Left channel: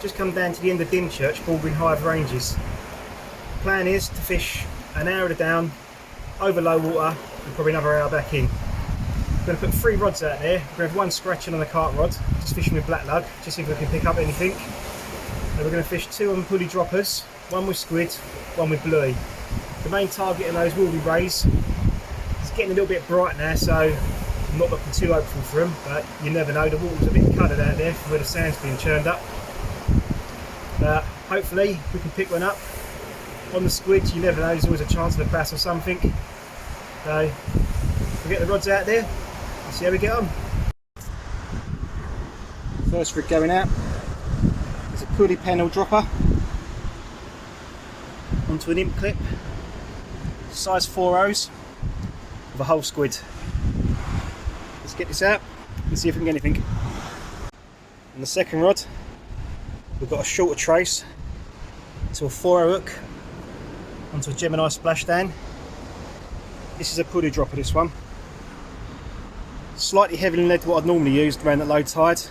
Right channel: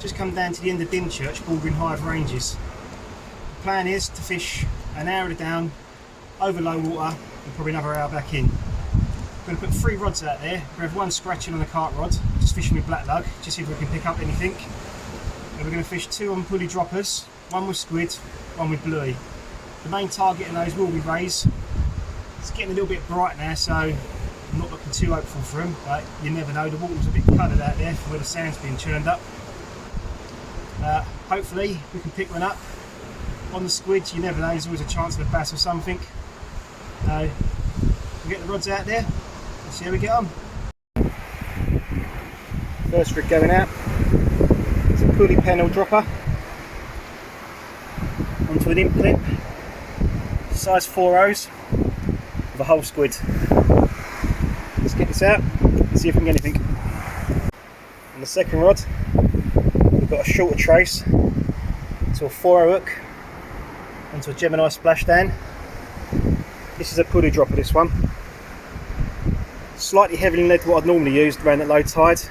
just come down to the end of Dymchurch, bordering Hythe Ranges. The plan is to fish an hour to down, over low water, and probably another hour back in. I'm going to put 3 rods out there. We're going to have one scratching on the cart rod, just fishing with black lug, just see if we can pick up anything. And we're going to fish 2 on pulley droppers, 1 with squid, 1 with bluey. The main target of those will be rays. It's getting a little bit bright now, so I'm not looking too hopeful for them, but you never know. The water's a bit coloured out there from where the sand's been churned up. Hopefully we can pick one up. On the squid, you never know, there's always a chance of a bass or something. So we'll get the rods out there and see how we get on. First rig going out, it's a pulley panel dropper onto an imp clip, size 4/0 with a whole squid. Let's get this out and see if we can get anything. On the second rod, we've got a shorter trace to a 4/0 hook onto a Gemini splashdown. This is a pulley dropper, this one. Slightly heavier than what I'd normally use around at low tide,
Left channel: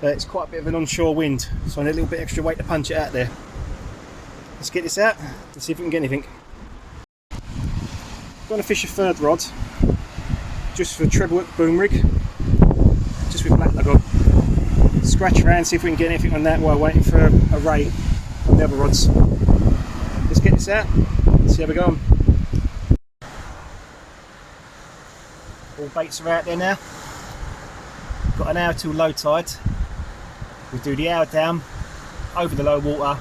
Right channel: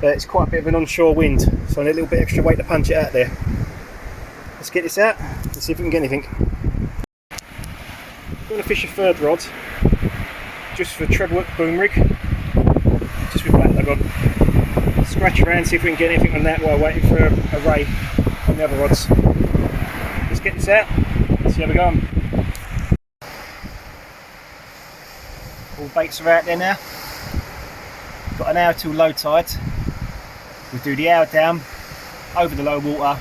but it's quite a bit of an onshore wind, so I need a little bit extra weight to punch it out there. Let's get this out and see if we can get anything. I'm going to fish a third rod, just for a treble hook boom rig, just with black lug on. Scratch around, see if we can get anything on that while waiting for a ray on the other rods. Let's get this out and see how we go on. All baits are out there now. Got an hour till low tide. We'll do the hour down, over the low water,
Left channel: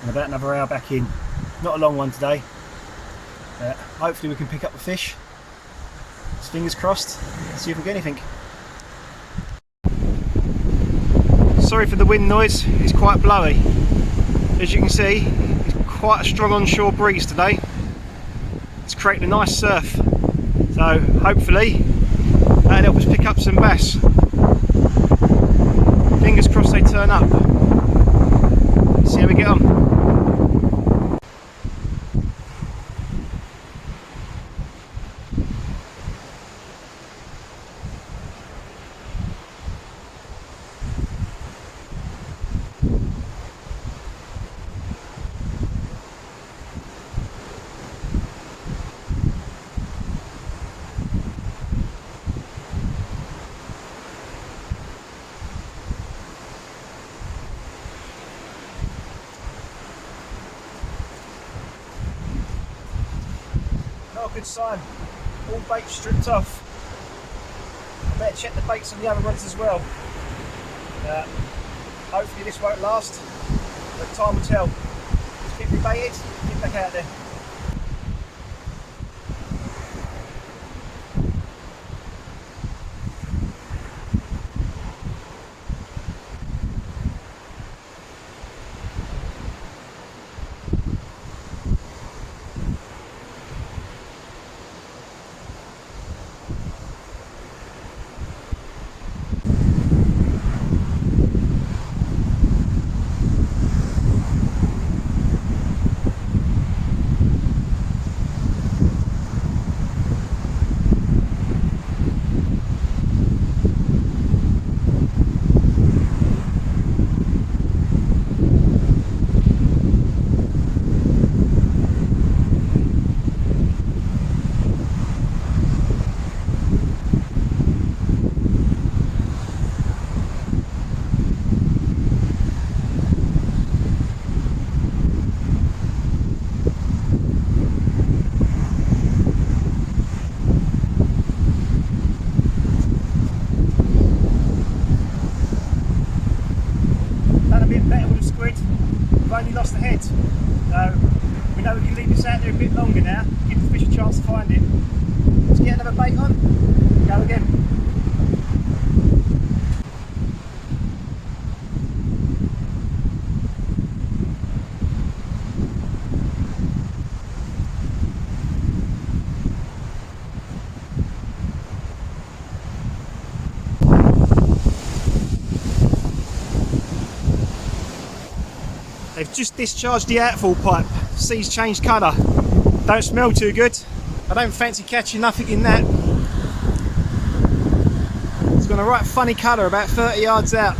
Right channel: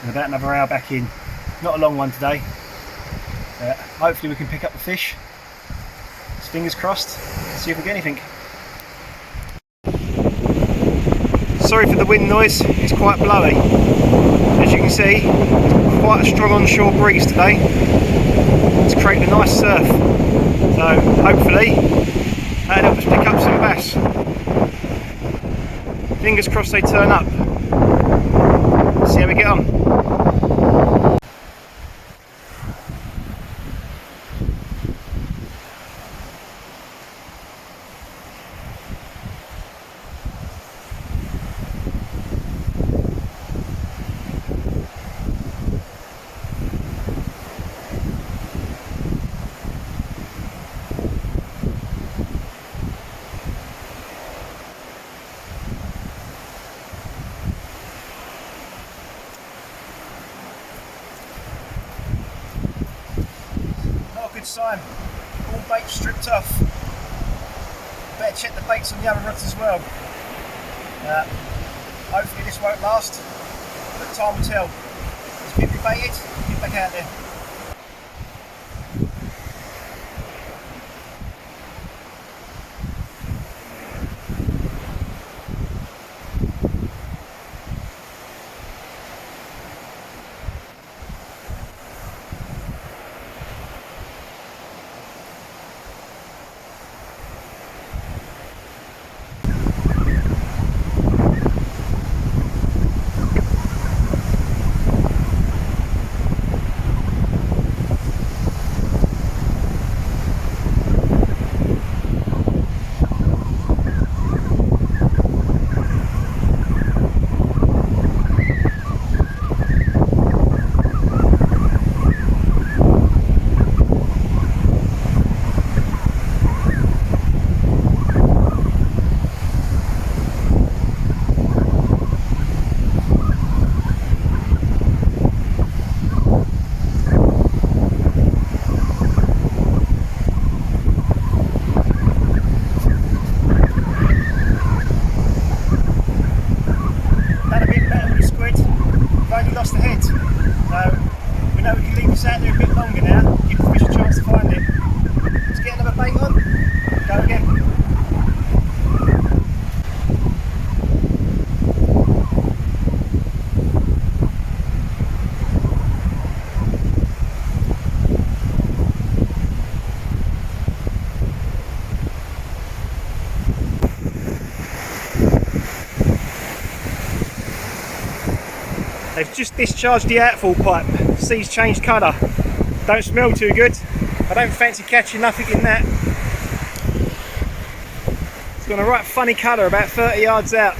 and about another hour back in. Not a long one today. Hopefully we can pick up the fish. Just fingers crossed, and see if we get anything. Sorry for the wind noise, it's quite blowy. As you can see, it's quite a strong onshore breeze today. It's creating a nice surf. So hopefully that'll help us pick up some bass. Fingers crossed they turn up. See how we get on. Good sign. All baits stripped off. Better check the baits on the other rods as well. Hopefully this won't last, but time will tell. Let's keep rebaited, get back out there. Only lost the head, so we know we can leave this out there a bit longer now, give the fish a chance to find it. Let's get another bait on, go again. They've just discharged the outfall pipe. Sea's changed colour. Don't smell too good. I don't fancy catching nothing in that. It's got a right funny colour about 30 yards out.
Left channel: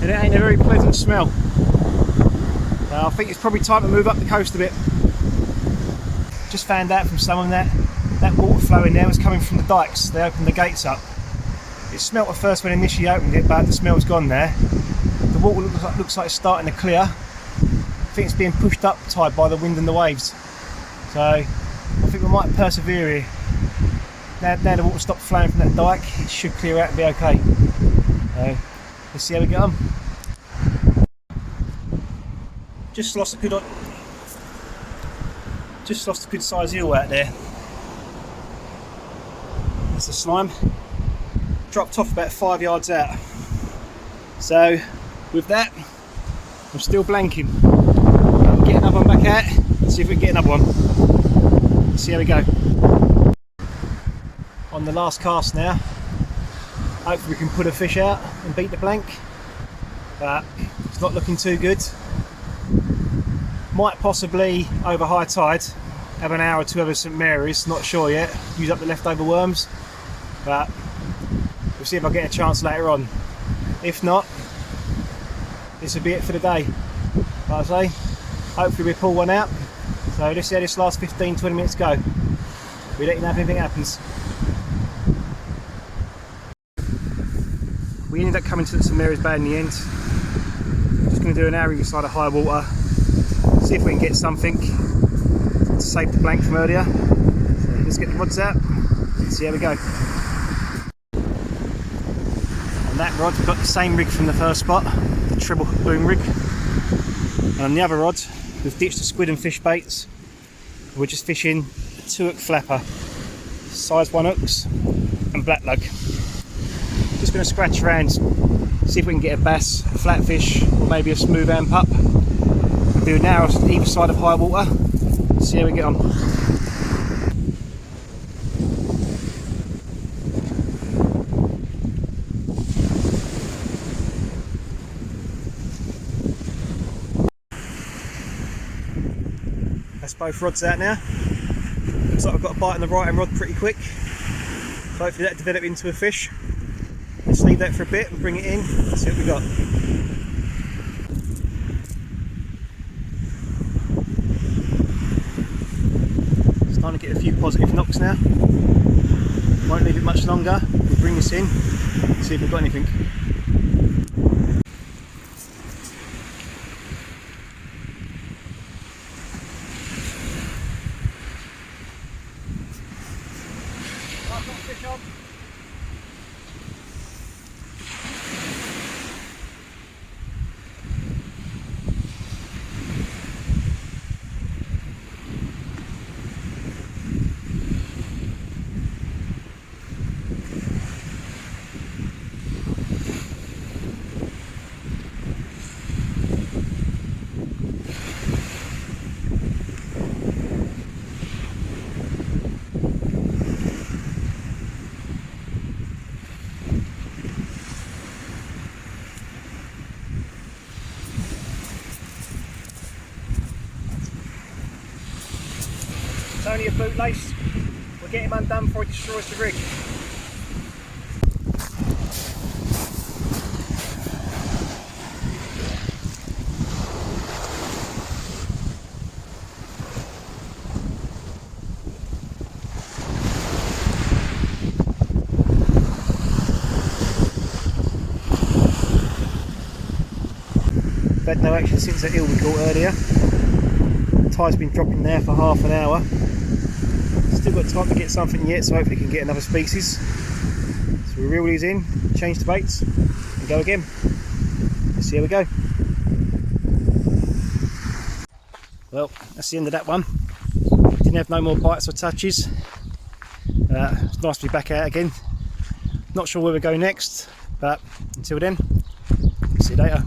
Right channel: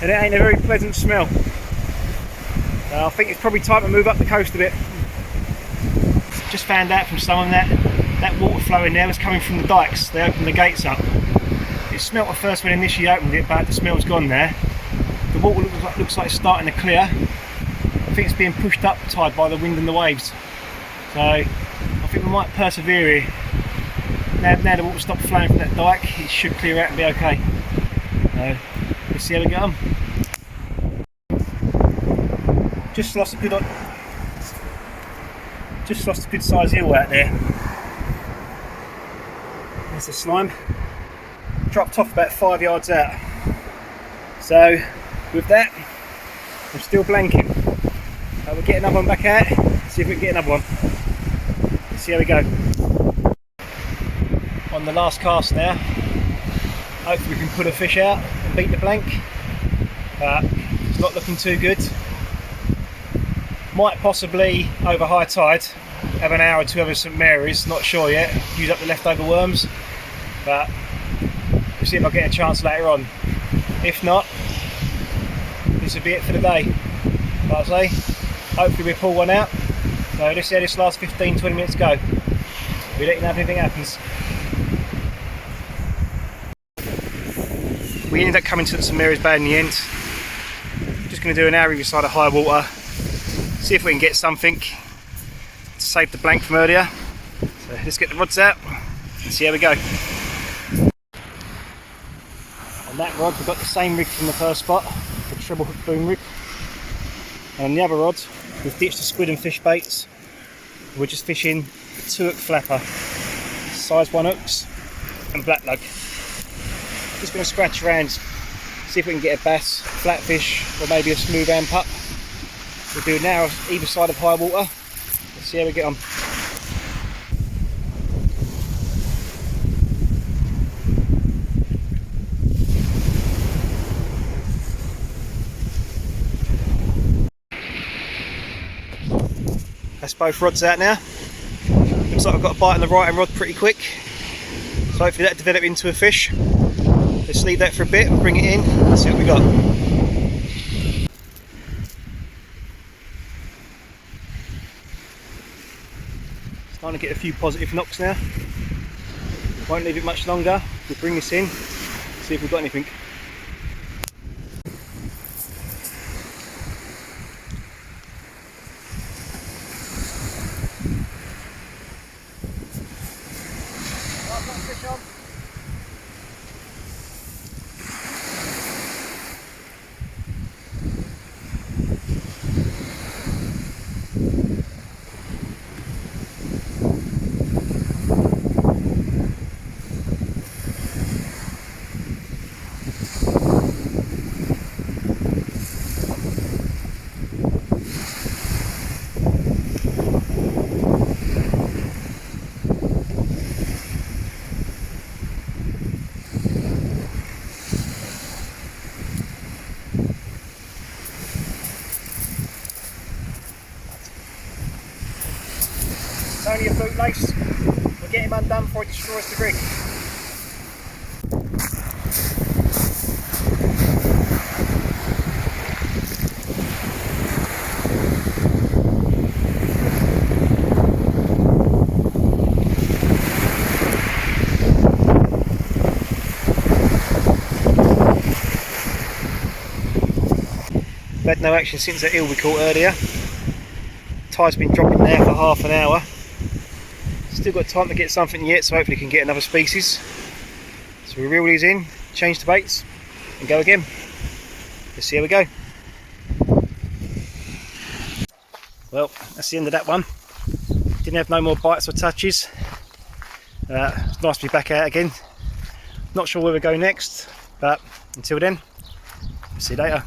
and it ain't a very pleasant smell. I think it's probably time to move up the coast a bit. Just found out from someone that water flow in there was coming from the dikes. They opened the gates up. It smelt at first when they initially opened it, but the smell's gone there. The water looks like it's starting to clear. I think it's being pushed up tide by the wind and the waves. So I think we might persevere here. Now the water stopped flowing from that dike, it should clear out and be okay. So let's see how we get on. Just lost a good size eel out there. There's the slime. Dropped off about 5 yards out. So with that, I'm still blanking. We'll get another one back out and see if we can get another one. Let's see how we go. On the last cast now. Hopefully we can put a fish out and beat the blank. It's not looking too good. Might possibly, over high tide, have an hour or two over St Mary's, not sure yet. Use up the leftover worms, but we'll see if I get a chance later on. If not, this will be it for the day. Like I say, hopefully we pull one out. So let's see how this last 15-20 minutes go. We'll let you know if anything happens. We ended up coming to St Mary's Bay in the end. Just going to do an hour either side of high water. See if we can get something to save the blank from earlier. So let's get the rods out and see how we go. On that rod we've got the same rig from the first spot, the treble hook boom rig. And on the other rod we've ditched the squid and fish baits. We're just fishing a 2-hook flapper, size 1 hooks and black lug. Just going to scratch around, see if we can get a bass, a flatfish or maybe a smooth amp up. We'll do an hour either side of high water, see how we get on. That's both rods out now. Looks like I've got a bite on the right hand rod pretty quick. So hopefully that'll develop into a fish. Let's leave that for a bit and bring it in and see what we got. Starting to get a few positive knocks now. Won't leave it much longer. We'll bring this in, see if we've got anything. I've got a fish on. It's only a bootlace. We'll get him undone before he destroys the rig. We've had no action since that eel we caught earlier. The tide's been dropping there for half an hour. Still got time to get something yet, so hopefully we can get another species. So we reel these in, change the baits and go again. Let's see how we go. Well, that's the end of that one. Didn't have no more bites or touches. It's nice to be back out again. Not sure where we go next, but until then, see you later.